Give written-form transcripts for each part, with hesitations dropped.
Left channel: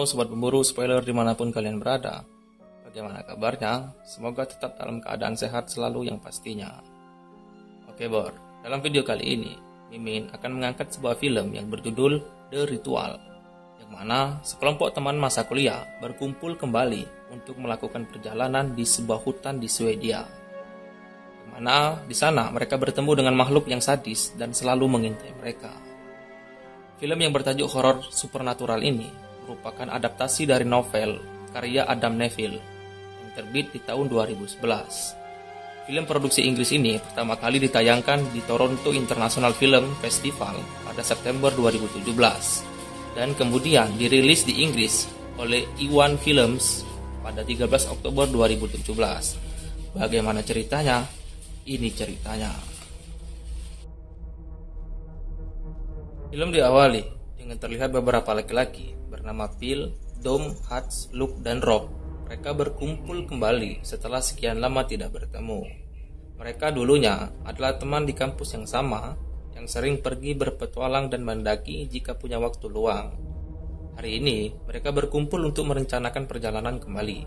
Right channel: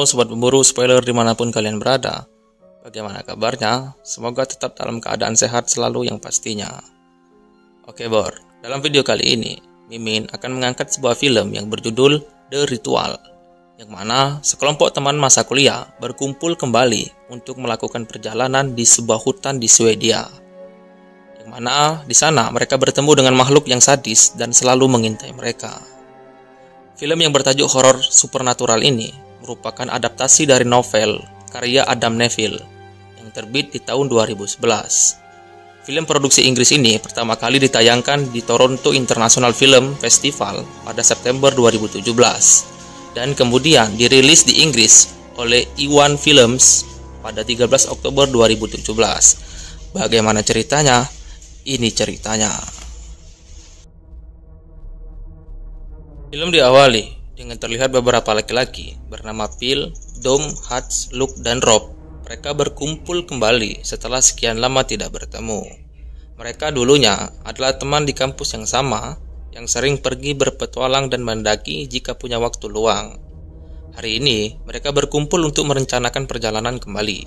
Halo sobat pemburu spoiler dimanapun kalian berada. Bagaimana kabarnya? Semoga tetap dalam keadaan sehat selalu yang pastinya. Oke Bor, dalam video kali ini Mimin akan mengangkat sebuah film yang berjudul The Ritual, yang mana sekelompok teman masa kuliah berkumpul kembali untuk melakukan perjalanan di sebuah hutan di Swedia. Yang mana di sana mereka bertemu dengan makhluk yang sadis dan selalu mengintai mereka. Film yang bertajuk horor supernatural ini merupakan adaptasi dari novel karya Adam Nevill yang terbit di tahun 2011. Film produksi Inggris ini pertama kali ditayangkan di Toronto International Film Festival pada September 2017 dan kemudian dirilis di Inggris oleh E1 Films pada 13 Oktober 2017. Bagaimana ceritanya? Ini ceritanya. Film diawali dengan terlihat beberapa laki-laki bernama Phil, Dom, Hutch, Luke, dan Rob. Mereka berkumpul kembali setelah sekian lama tidak bertemu. Mereka dulunya adalah teman di kampus yang sama, yang sering pergi berpetualang dan mendaki jika punya waktu luang. Hari ini, mereka berkumpul untuk merencanakan perjalanan kembali.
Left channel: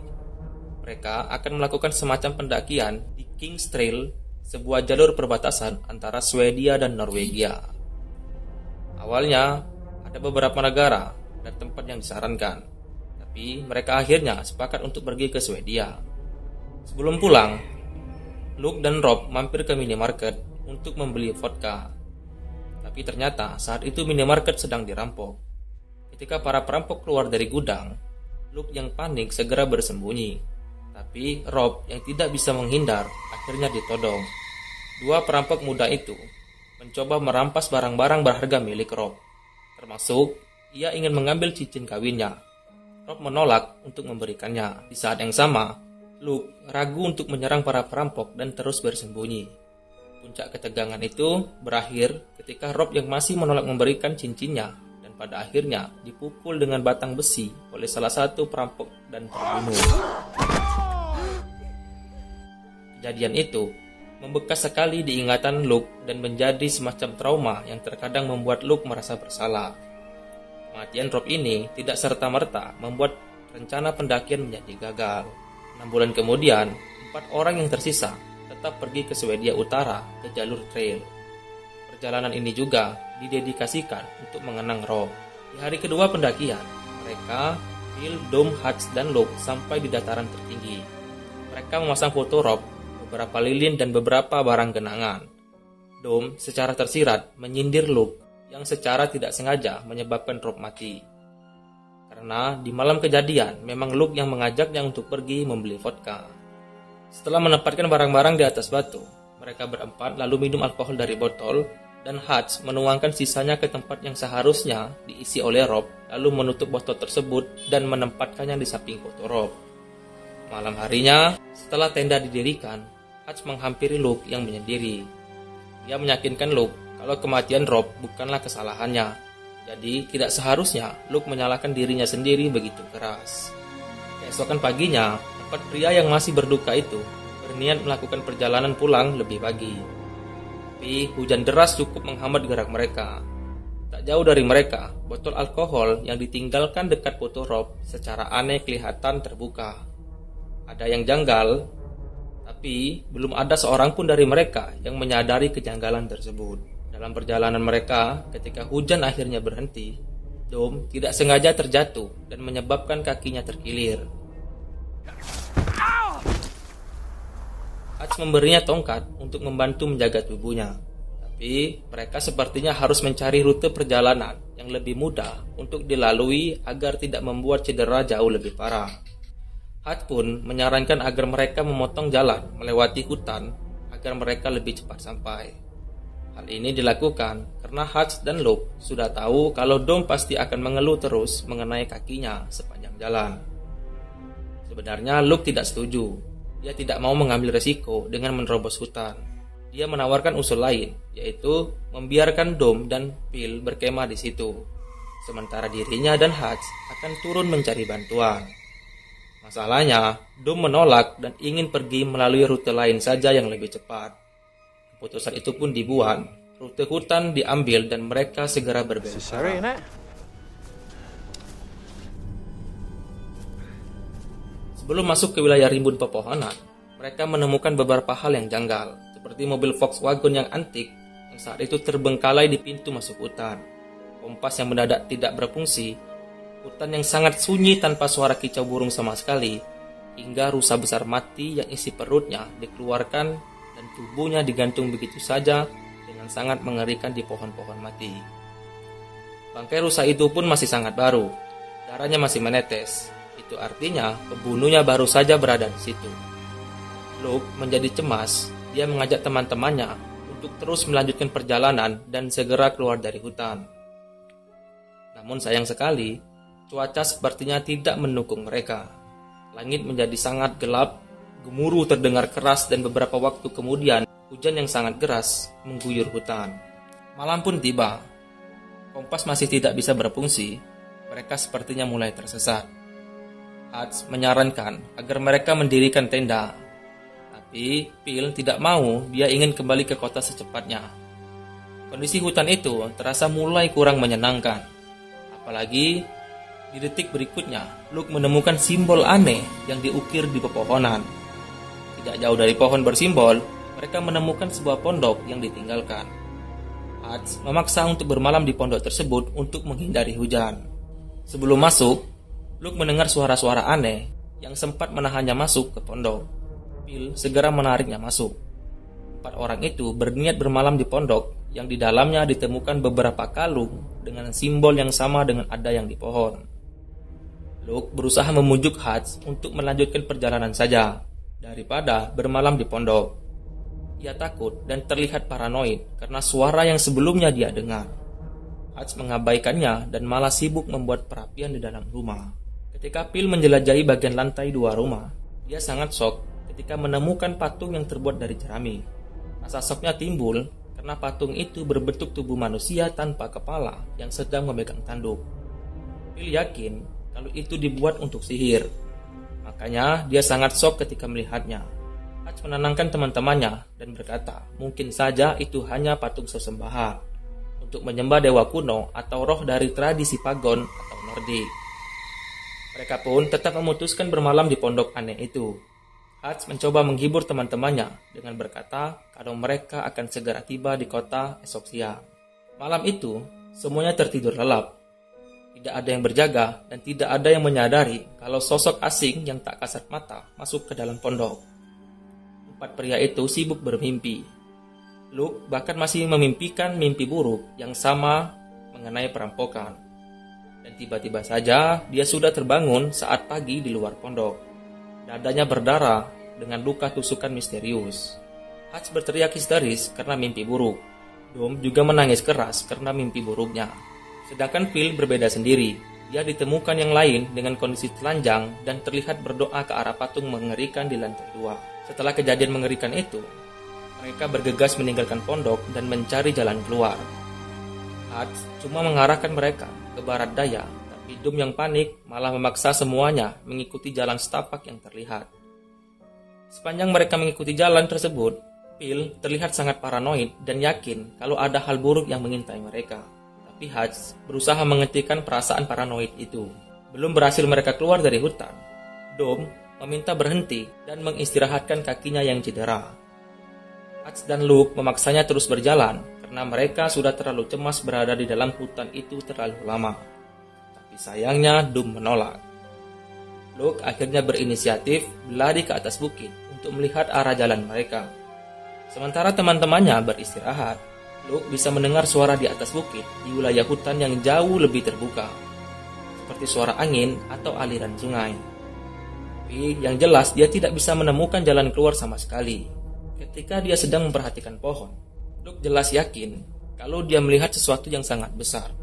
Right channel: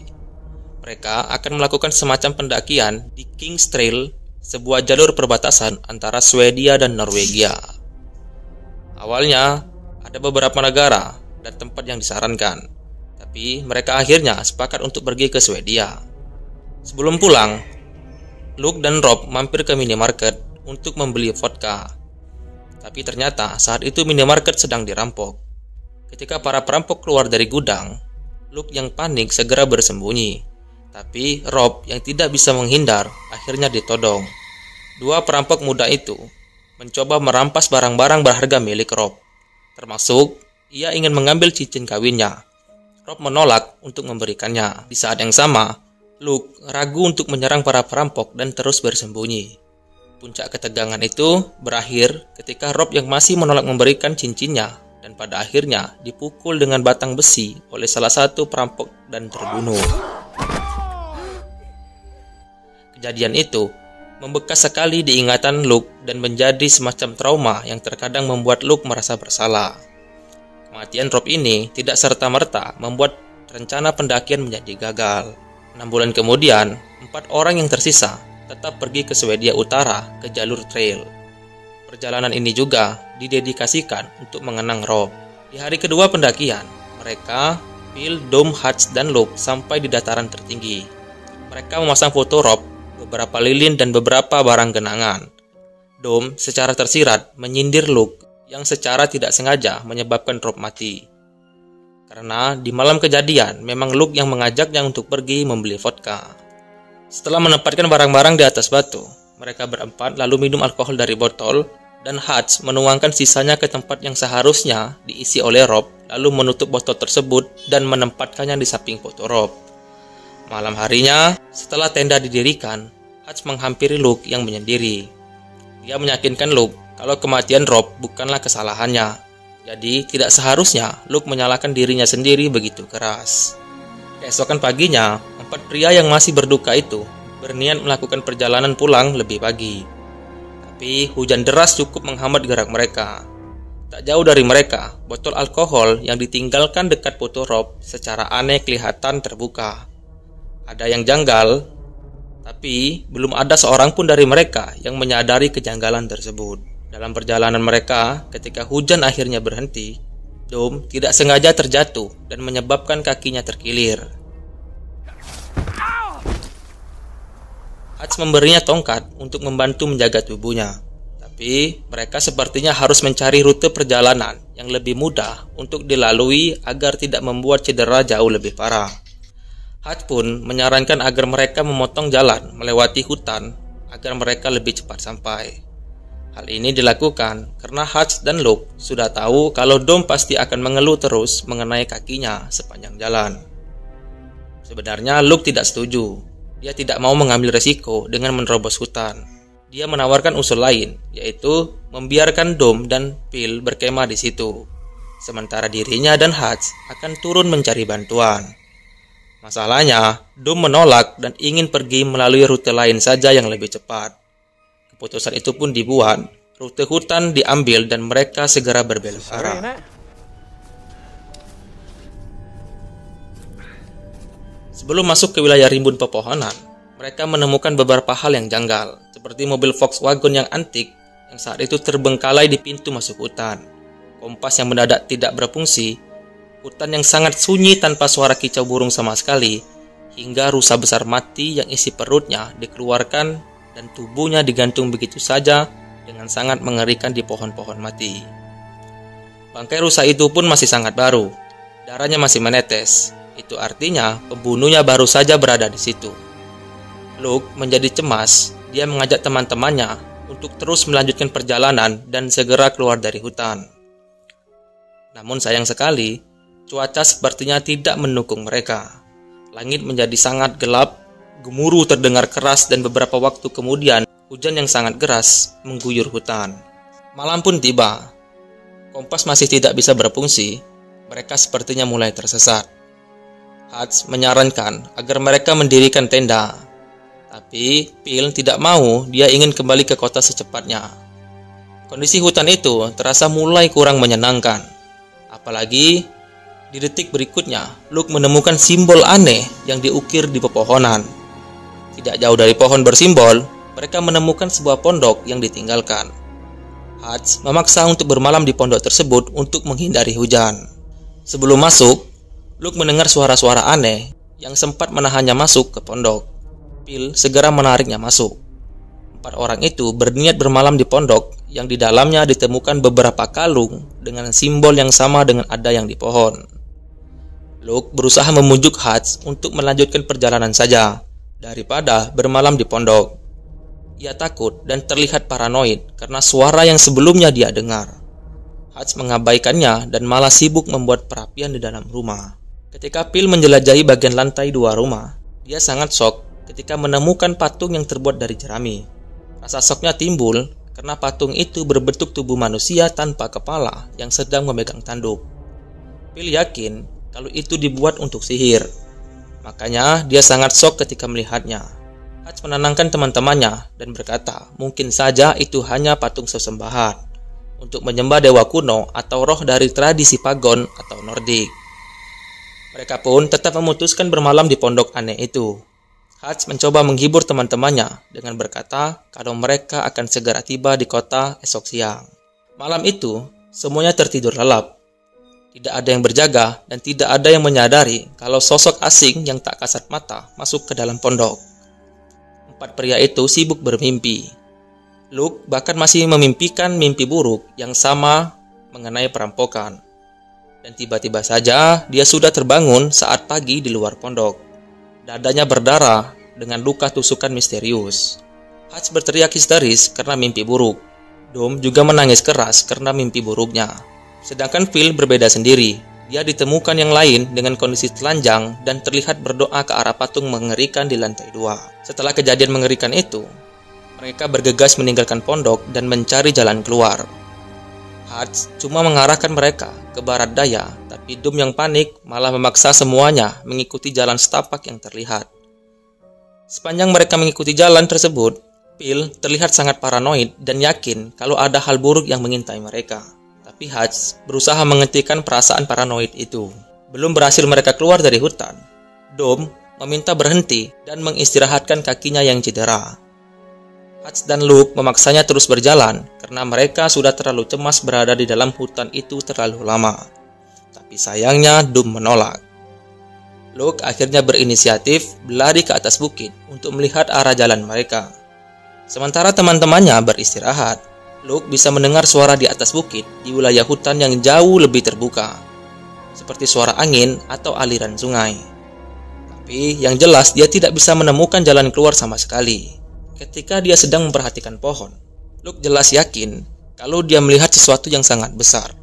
Mereka akan melakukan semacam pendakian di King's Trail, sebuah jalur perbatasan antara Swedia dan Norwegia. Awalnya, ada beberapa negara dan tempat yang disarankan, tapi mereka akhirnya sepakat untuk pergi ke Swedia. Sebelum pulang, Luke dan Rob mampir ke minimarket untuk membeli vodka. Tapi ternyata saat itu minimarket sedang dirampok. Ketika para perampok keluar dari gudang, Luke yang panik segera bersembunyi. Tapi Rob yang tidak bisa menghindar akhirnya ditodong. Dua perampok muda itu mencoba merampas barang-barang berharga milik Rob. Termasuk, ia ingin mengambil cincin kawinnya. Rob menolak untuk memberikannya. Di saat yang sama, Luke ragu untuk menyerang para perampok dan terus bersembunyi. Puncak ketegangan itu berakhir ketika Rob yang masih menolak memberikan cincinnya dan pada akhirnya dipukul dengan batang besi oleh salah satu perampok dan terbunuh. Kejadian itu membekas sekali di ingatan Luke dan menjadi semacam trauma yang terkadang membuat Luke merasa bersalah. Kematian Rob ini tidak serta-merta membuat rencana pendakian menjadi gagal. 6 bulan kemudian, 4 orang yang tersisa tetap pergi ke Swedia Utara ke jalur trail. Perjalanan ini juga didedikasikan untuk mengenang Rob. Di hari kedua pendakian, mereka, Phil, Dom, Hutch, dan Luke sampai di dataran tertinggi. Mereka memasang foto Rob, beberapa lilin, dan beberapa barang genangan. Dom secara tersirat menyindir Luke yang secara tidak sengaja menyebabkan Rob mati. Karena di malam kejadian memang Luke yang mengajaknya untuk pergi membeli vodka. Setelah menempatkan barang-barang di atas batu, mereka berempat lalu minum alkohol dari botol dan Hutch menuangkan sisanya ke tempat yang seharusnya diisi oleh Rob lalu menutup botol tersebut dan menempatkannya di samping foto Rob. Malam harinya, setelah tenda didirikan, Hutch menghampiri Luke yang menyendiri. Dia meyakinkan Luke kalau kematian Rob bukanlah kesalahannya. Jadi tidak seharusnya Luke menyalahkan dirinya sendiri begitu keras. Keesokan paginya, 4 pria yang masih berduka itu berniat melakukan perjalanan pulang lebih pagi. Tapi hujan deras cukup menghambat gerak mereka. Tak jauh dari mereka, botol alkohol yang ditinggalkan dekat foto Rob secara aneh kelihatan terbuka. Ada yang janggal, tapi belum ada seorang pun dari mereka yang menyadari kejanggalan tersebut. Dalam perjalanan mereka, ketika hujan akhirnya berhenti, Dom tidak sengaja terjatuh dan menyebabkan kakinya terkilir. Hutch memberinya tongkat untuk membantu menjaga tubuhnya. Tapi mereka sepertinya harus mencari rute perjalanan yang lebih mudah untuk dilalui agar tidak membuat cedera jauh lebih parah. Hutch pun menyarankan agar mereka memotong jalan melewati hutan agar mereka lebih cepat sampai. Hal ini dilakukan karena Hutch dan Luke sudah tahu kalau Dom pasti akan mengeluh terus mengenai kakinya sepanjang jalan. Sebenarnya Luke tidak setuju. Dia tidak mau mengambil resiko dengan menerobos hutan. Dia menawarkan usul lain, yaitu membiarkan Dom dan Phil berkemah di situ. Sementara dirinya dan Hutch akan turun mencari bantuan. Masalahnya, Dom menolak dan ingin pergi melalui rute lain saja yang lebih cepat. Keputusan itu pun dibuat, rute hutan diambil dan mereka segera berbelok arah. Sebelum masuk ke wilayah rimbun pepohonan, mereka menemukan beberapa hal yang janggal, seperti mobil Volkswagen yang antik yang saat itu terbengkalai di pintu masuk hutan, kompas yang mendadak tidak berfungsi, hutan yang sangat sunyi tanpa suara kicau burung sama sekali, hingga rusa besar mati yang isi perutnya dikeluarkan dan tubuhnya digantung begitu saja dengan sangat mengerikan di pohon-pohon mati. Bangkai rusa itu pun masih sangat baru, darahnya masih menetes. Itu artinya pembunuhnya baru saja berada di situ. Luke menjadi cemas. Dia mengajak teman-temannya untuk terus melanjutkan perjalanan dan segera keluar dari hutan. Namun sayang sekali, cuaca sepertinya tidak mendukung mereka. Langit menjadi sangat gelap, gemuruh terdengar keras dan beberapa waktu kemudian hujan yang sangat deras mengguyur hutan. Malam pun tiba. Kompas masih tidak bisa berfungsi. Mereka sepertinya mulai tersesat. Hutch menyarankan agar mereka mendirikan tenda. Tapi Phil tidak mau, dia ingin kembali ke kota secepatnya. Kondisi hutan itu terasa mulai kurang menyenangkan. Apalagi di detik berikutnya, Luke menemukan simbol aneh yang diukir di pepohonan. Tidak jauh dari pohon bersimbol, mereka menemukan sebuah pondok yang ditinggalkan. Hutch memaksa untuk bermalam di pondok tersebut untuk menghindari hujan. Sebelum masuk, Luke mendengar suara-suara aneh yang sempat menahannya masuk ke pondok. Phil segera menariknya masuk. 4 orang itu berniat bermalam di pondok yang di dalamnya ditemukan beberapa kalung dengan simbol yang sama dengan ada yang di pohon. Luke berusaha memujuk Hutch untuk melanjutkan perjalanan saja daripada bermalam di pondok. Ia takut dan terlihat paranoid karena suara yang sebelumnya dia dengar. Hutch mengabaikannya dan malah sibuk membuat perapian di dalam rumah. Ketika Phil menjelajahi bagian lantai 2 rumah, dia sangat shock ketika menemukan patung yang terbuat dari jerami. Rasa shocknya timbul karena patung itu berbentuk tubuh manusia tanpa kepala yang sedang memegang tanduk. Phil yakin kalau itu dibuat untuk sihir. Makanya dia sangat shock ketika melihatnya. Hutch menenangkan teman-temannya dan berkata, mungkin saja itu hanya patung sesembahan untuk menyembah dewa kuno atau roh dari tradisi pagan atau Nordik. Mereka pun tetap memutuskan bermalam di pondok aneh itu. Hutch mencoba menghibur teman-temannya dengan berkata kalau mereka akan segera tiba di kota esok siang. Malam itu, semuanya tertidur lelap. Tidak ada yang berjaga dan tidak ada yang menyadari kalau sosok asing yang tak kasat mata masuk ke dalam pondok. 4 pria itu sibuk bermimpi. Luke bahkan masih memimpikan mimpi buruk yang sama mengenai perampokan. Dan tiba-tiba saja dia sudah terbangun saat pagi di luar pondok. Dadanya berdarah dengan luka tusukan misterius. Hutch berteriak histeris karena mimpi buruk. Dom juga menangis keras karena mimpi buruknya. Sedangkan Phil berbeda sendiri. Dia ditemukan yang lain dengan kondisi telanjang dan terlihat berdoa ke arah patung mengerikan di lantai 2. Setelah kejadian mengerikan itu, mereka bergegas meninggalkan pondok dan mencari jalan keluar. Hutch cuma mengarahkan mereka ke barat daya, tapi Dom yang panik malah memaksa semuanya mengikuti jalan setapak yang terlihat. Sepanjang mereka mengikuti jalan tersebut, Phil terlihat sangat paranoid dan yakin kalau ada hal buruk yang mengintai mereka. Tapi Hutch berusaha menghentikan perasaan paranoid itu. Belum berhasil mereka keluar dari hutan, Dom meminta berhenti dan mengistirahatkan kakinya yang cedera. Hutch dan Luke memaksanya terus berjalan karena mereka sudah terlalu cemas berada di dalam hutan itu terlalu lama. Tapi sayangnya Dom menolak. Luke akhirnya berinisiatif berlari ke atas bukit untuk melihat arah jalan mereka. Sementara teman-temannya beristirahat, Luke bisa mendengar suara di atas bukit di wilayah hutan yang jauh lebih terbuka, seperti suara angin atau aliran sungai. Tapi yang jelas dia tidak bisa menemukan jalan keluar sama sekali. Ketika dia sedang memperhatikan pohon, Luke jelas yakin kalau dia melihat sesuatu yang sangat besar.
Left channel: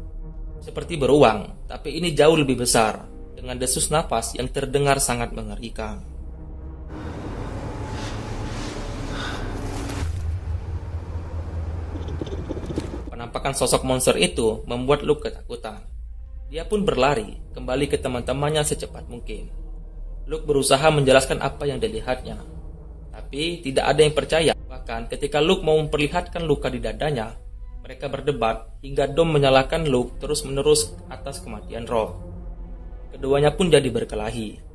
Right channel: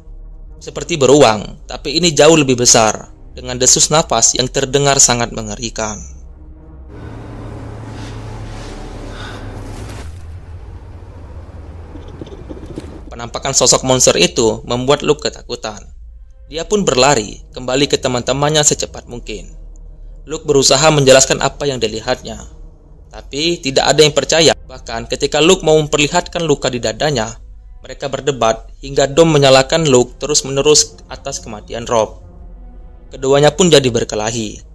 Seperti beruang, tapi ini jauh lebih besar, dengan desus napas yang terdengar sangat mengerikan. Penampakan sosok monster itu membuat Luke ketakutan. Dia pun berlari kembali ke teman-temannya secepat mungkin. Luke berusaha menjelaskan apa yang dilihatnya, tapi tidak ada yang percaya. Bahkan ketika Luke mau memperlihatkan luka di dadanya, mereka berdebat hingga Dom menyalahkan Luke terus-menerus atas kematian Rob. Keduanya pun jadi berkelahi.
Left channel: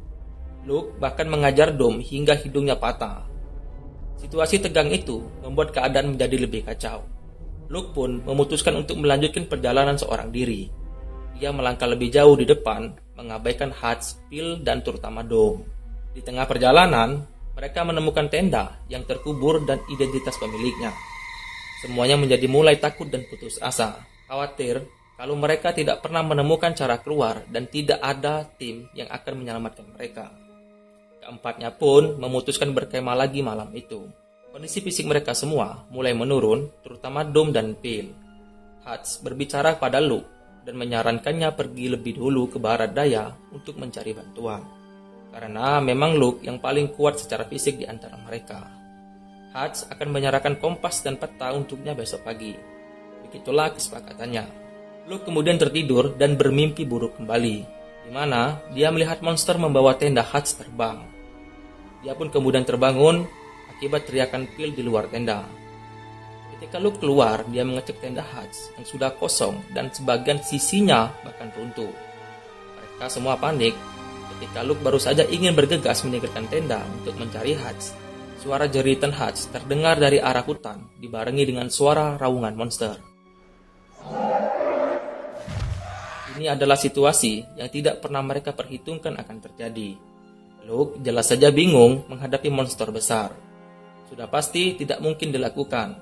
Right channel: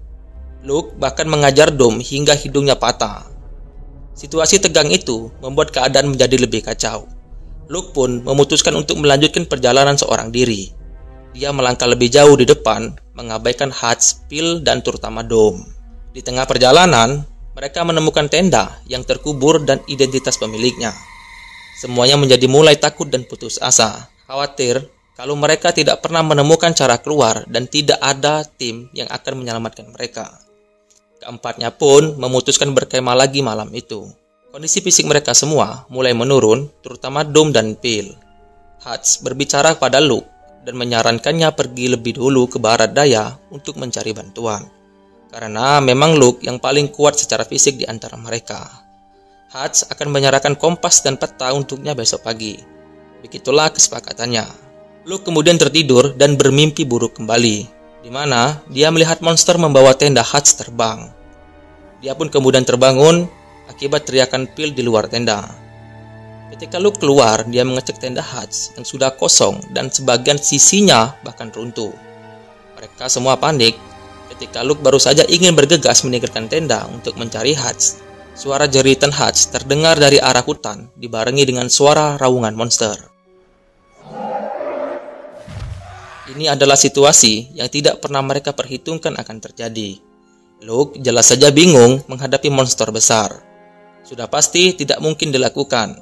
Luke bahkan mengajar Dom hingga hidungnya patah. Situasi tegang itu membuat keadaan menjadi lebih kacau. Luke pun memutuskan untuk melanjutkan perjalanan seorang diri. Dia melangkah lebih jauh di depan, mengabaikan Hutch, Phil, dan terutama Dom. Di tengah perjalanan, mereka menemukan tenda yang terkubur dan identitas pemiliknya. Semuanya menjadi mulai takut dan putus asa, khawatir kalau mereka tidak pernah menemukan cara keluar dan tidak ada tim yang akan menyelamatkan mereka. Keempatnya pun memutuskan berkemah lagi malam itu. Kondisi fisik mereka semua mulai menurun, terutama Dom dan Phil. Hutch berbicara pada Luke dan menyarankannya pergi lebih dulu ke barat daya untuk mencari bantuan. Karena memang Luke yang paling kuat secara fisik di antara mereka. Hutch akan menyerahkan kompas dan peta untuknya besok pagi. Begitulah kesepakatannya. Luke kemudian tertidur dan bermimpi buruk kembali, di mana dia melihat monster membawa tenda Hutch terbang. Dia pun kemudian terbangun akibat teriakan Phil di luar tenda. Ketika Luke keluar, dia mengecek tenda Hutch yang sudah kosong dan sebagian sisinya bahkan runtuh. Mereka semua panik ketika Luke baru saja ingin bergegas meninggalkan tenda untuk mencari Hutch. Suara jeritan Hutch terdengar dari arah hutan dibarengi dengan suara raungan monster. Ini adalah situasi yang tidak pernah mereka perhitungkan akan terjadi. Luke jelas saja bingung menghadapi monster besar. Sudah pasti tidak mungkin dilakukan,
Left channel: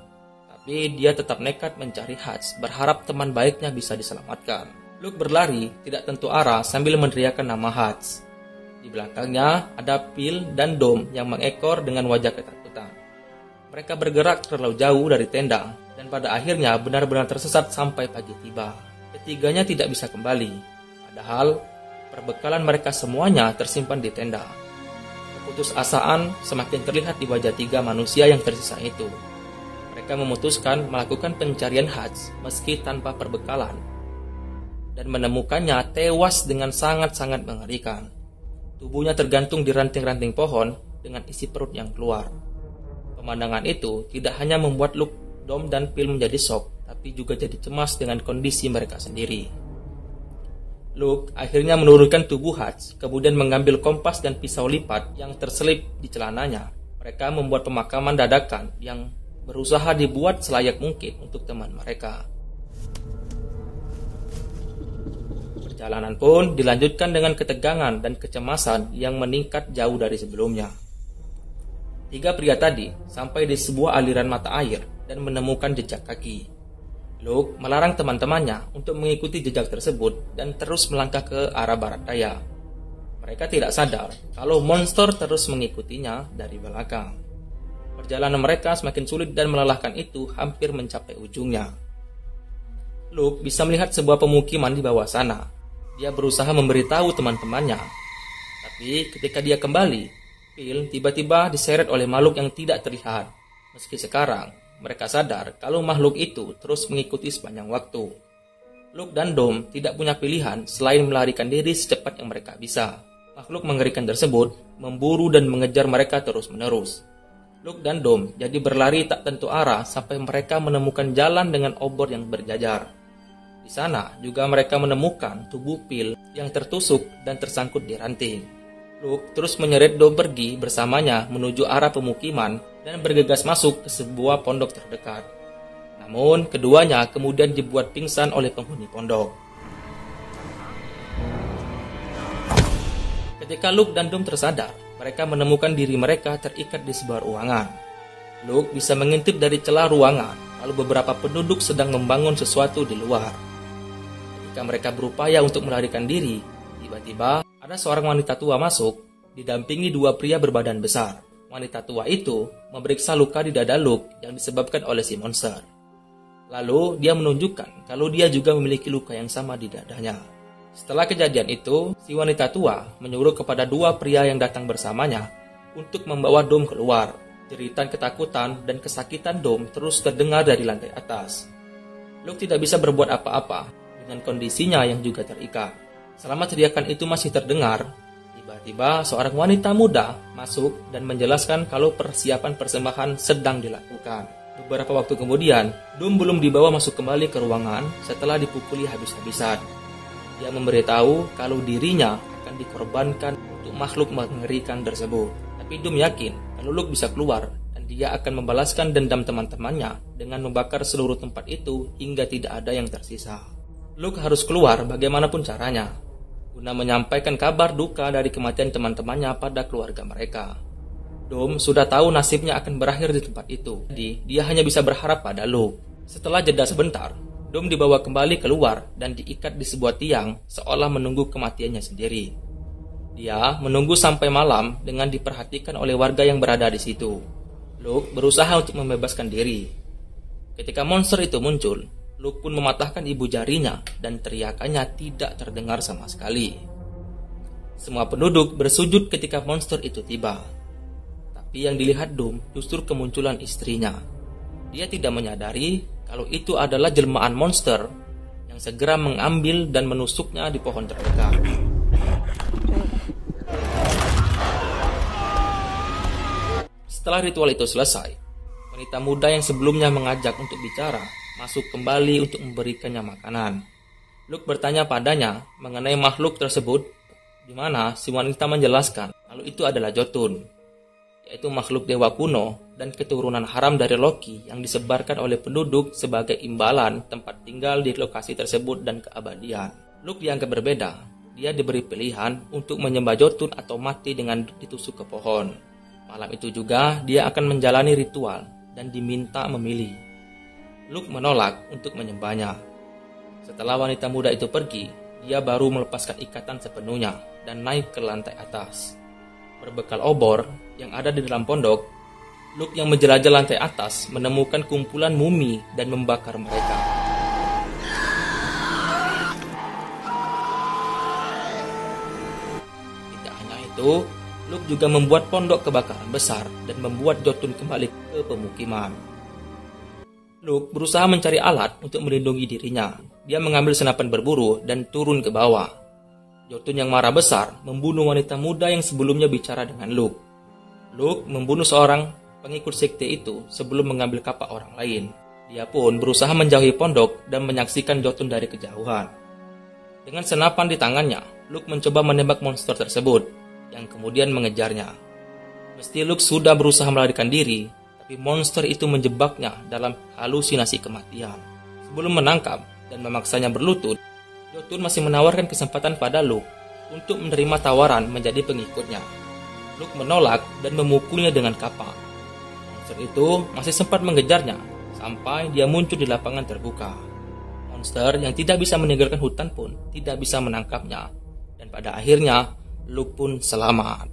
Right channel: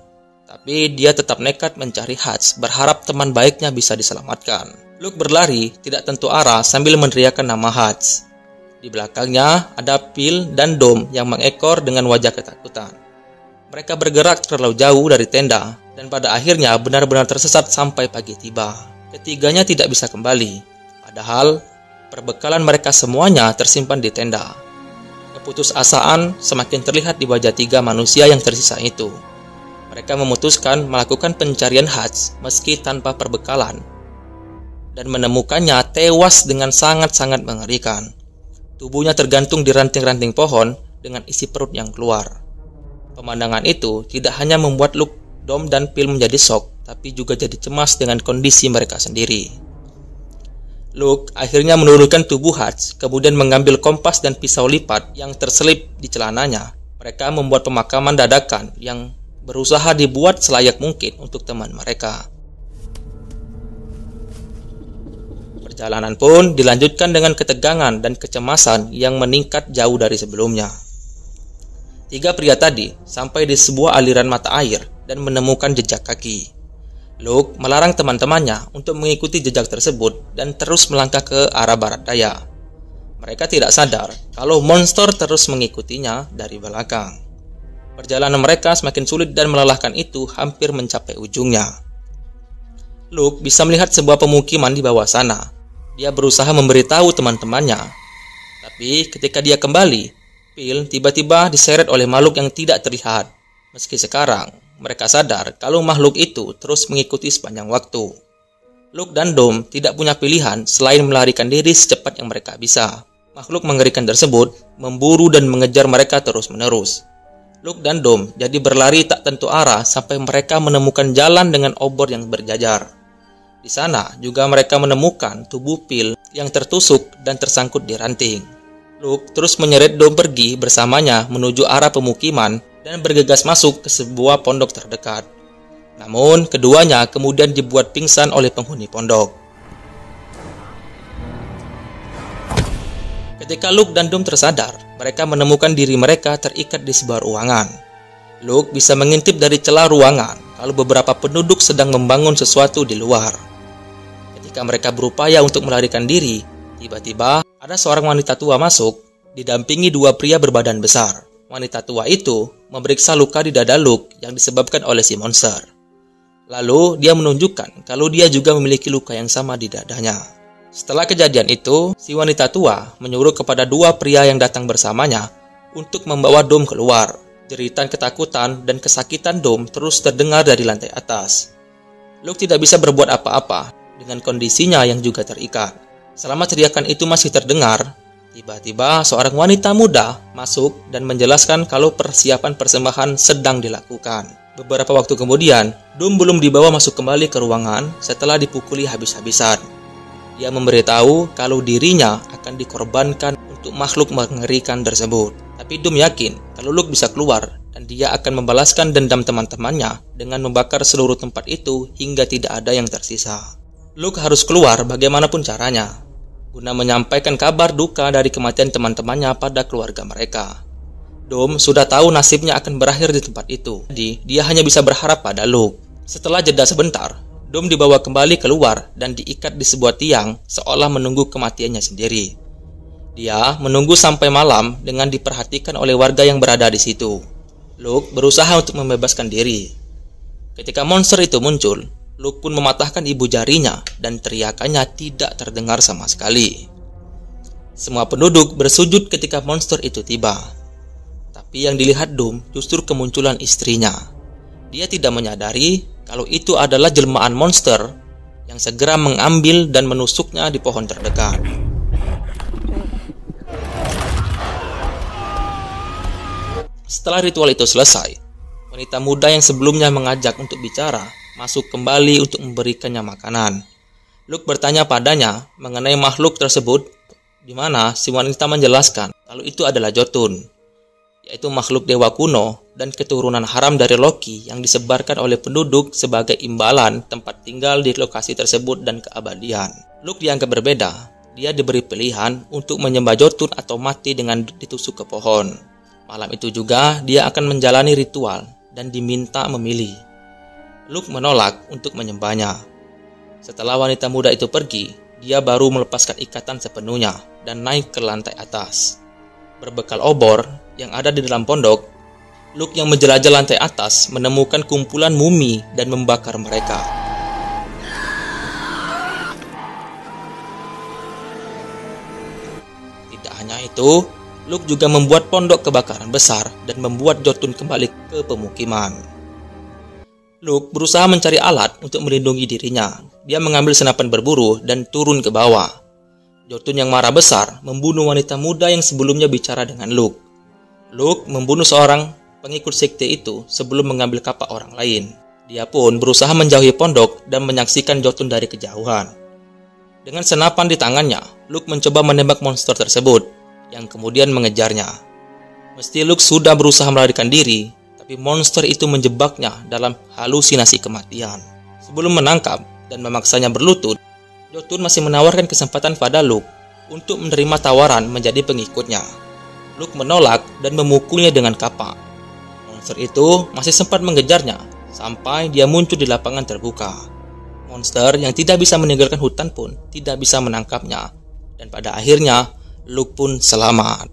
tapi dia tetap nekat mencari Hutch, berharap teman baiknya bisa diselamatkan. Luke berlari tidak tentu arah sambil meneriakkan nama Hutch. Di belakangnya ada Phil dan Dom yang mengekor dengan wajah ketakutan. Mereka bergerak terlalu jauh dari tenda dan pada akhirnya benar-benar tersesat sampai pagi tiba. Ketiganya tidak bisa kembali, padahal perbekalan mereka semuanya tersimpan di tenda. Keputusasaan semakin terlihat di wajah tiga manusia yang tersisa itu. Mereka memutuskan melakukan pencarian Hutch meski tanpa perbekalan dan menemukannya tewas dengan sangat-sangat mengerikan. Tubuhnya tergantung di ranting-ranting pohon dengan isi perut yang keluar. Pemandangan itu tidak hanya membuat Luke, Dom, dan Phil menjadi shock, tapi juga jadi cemas dengan kondisi mereka sendiri. Luke akhirnya menurunkan tubuh Hutch, kemudian mengambil kompas dan pisau lipat yang terselip di celananya. Mereka membuat pemakaman dadakan yang berusaha dibuat selayak mungkin untuk teman mereka. Perjalanan pun dilanjutkan dengan ketegangan dan kecemasan yang meningkat jauh dari sebelumnya. Tiga pria tadi sampai di sebuah aliran mata air dan menemukan jejak kaki. Luke melarang teman-temannya untuk mengikuti jejak tersebut dan terus melangkah ke arah barat daya. Mereka tidak sadar kalau monster terus mengikutinya dari belakang. Perjalanan mereka semakin sulit dan melelahkan itu hampir mencapai ujungnya. Luke bisa melihat sebuah pemukiman di bawah sana. Dia berusaha memberitahu teman-temannya. Tapi ketika dia kembali, Phil tiba-tiba diseret oleh makhluk yang tidak terlihat. Meski sekarang mereka sadar kalau makhluk itu terus mengikuti sepanjang waktu. Luke dan Dom tidak punya pilihan selain melarikan diri secepat yang mereka bisa. Makhluk mengerikan tersebut memburu dan mengejar mereka terus-menerus. Luke dan Dom jadi berlari tak tentu arah sampai mereka menemukan jalan dengan obor yang berjajar. Di sana juga mereka menemukan tubuh Phil yang tertusuk dan tersangkut di ranting. Luke terus menyeret Dom pergi bersamanya menuju arah pemukiman dan bergegas masuk ke sebuah pondok terdekat. Namun, keduanya kemudian dibuat pingsan oleh penghuni pondok. Ketika Luke dan Dom tersadar, mereka menemukan diri mereka terikat di sebuah ruangan. Luke bisa mengintip dari celah ruangan kalau beberapa penduduk sedang membangun sesuatu di luar. Ketika mereka berupaya untuk melarikan diri, tiba-tiba ada seorang wanita tua masuk, didampingi dua pria berbadan besar. Wanita tua itu memeriksa luka di dada Luke yang disebabkan oleh si monster. Lalu dia menunjukkan kalau dia juga memiliki luka yang sama di dadanya. Setelah kejadian itu, si wanita tua menyuruh kepada dua pria yang datang bersamanya untuk membawa Dom keluar. Jeritan ketakutan dan kesakitan Dom terus terdengar dari lantai atas. Luke tidak bisa berbuat apa-apa dengan kondisinya yang juga terikat. Selama teriakan itu masih terdengar, tiba-tiba seorang wanita muda masuk dan menjelaskan kalau persiapan persembahan sedang dilakukan. Beberapa waktu kemudian, Dom belum dibawa masuk kembali ke ruangan setelah dipukuli habis-habisan. Dia memberitahu kalau dirinya akan dikorbankan untuk makhluk mengerikan tersebut. Tapi Doom yakin kalau Luke bisa keluar dan dia akan membalaskan dendam teman-temannya dengan membakar seluruh tempat itu hingga tidak ada yang tersisa. Luke harus keluar bagaimanapun caranya, guna menyampaikan kabar duka dari kematian teman-temannya pada keluarga mereka. Doom sudah tahu nasibnya akan berakhir di tempat itu, jadi dia hanya bisa berharap pada Luke. Setelah jeda sebentar, Doom dibawa kembali keluar dan diikat di sebuah tiang seolah menunggu kematiannya sendiri. Dia menunggu sampai malam dengan diperhatikan oleh warga yang berada di situ. Luke berusaha untuk membebaskan diri. Ketika monster itu muncul, Luke pun mematahkan ibu jarinya dan teriakannya tidak terdengar sama sekali. Semua penduduk bersujud ketika monster itu tiba. Tapi yang dilihat Doom justru kemunculan istrinya. Dia tidak menyadari kalau itu adalah jelmaan monster yang segera mengambil dan menusuknya di pohon terdekat. Setelah ritual itu selesai, wanita muda yang sebelumnya mengajak untuk bicara masuk kembali untuk memberikannya makanan. Luke bertanya padanya mengenai makhluk tersebut, di mana si wanita menjelaskan kalau itu adalah Jotun, yaitu makhluk dewa kuno dan keturunan haram dari Loki yang disebarkan oleh penduduk sebagai imbalan tempat tinggal di lokasi tersebut dan keabadian. Luke dianggap berbeda. Dia diberi pilihan untuk menyembah Jotun atau mati dengan ditusuk ke pohon. Malam itu juga dia akan menjalani ritual dan diminta memilih. Luke menolak untuk menyembahnya. Setelah wanita muda itu pergi, dia baru melepaskan ikatan sepenuhnya dan naik ke lantai atas. Berbekal obor yang ada di dalam pondok, Luke yang menjelajah lantai atas menemukan kumpulan mumi dan membakar mereka. Tidak hanya itu, Luke juga membuat pondok kebakaran besar dan membuat Jotun kembali ke pemukiman. Luke berusaha mencari alat untuk melindungi dirinya. Dia mengambil senapan berburu dan turun ke bawah. Jotun yang marah besar membunuh wanita muda yang sebelumnya bicara dengan Luke. Luke membunuh seorang pengikut sekte itu sebelum mengambil kapak orang lain. Dia pun berusaha menjauhi pondok dan menyaksikan Jotun dari kejauhan. Dengan senapan di tangannya, Luke mencoba menembak monster tersebut yang kemudian mengejarnya. Meski Luke sudah berusaha melarikan diri, tapi monster itu menjebaknya dalam halusinasi kematian. Sebelum menangkap dan memaksanya berlutut, Jotun masih menawarkan kesempatan pada Luke untuk menerima tawaran menjadi pengikutnya. Luke menolak dan memukulnya dengan kapak. Monster itu masih sempat mengejarnya sampai dia muncul di lapangan terbuka. Monster yang tidak bisa meninggalkan hutan pun tidak bisa menangkapnya, dan pada akhirnya Luke pun selamat.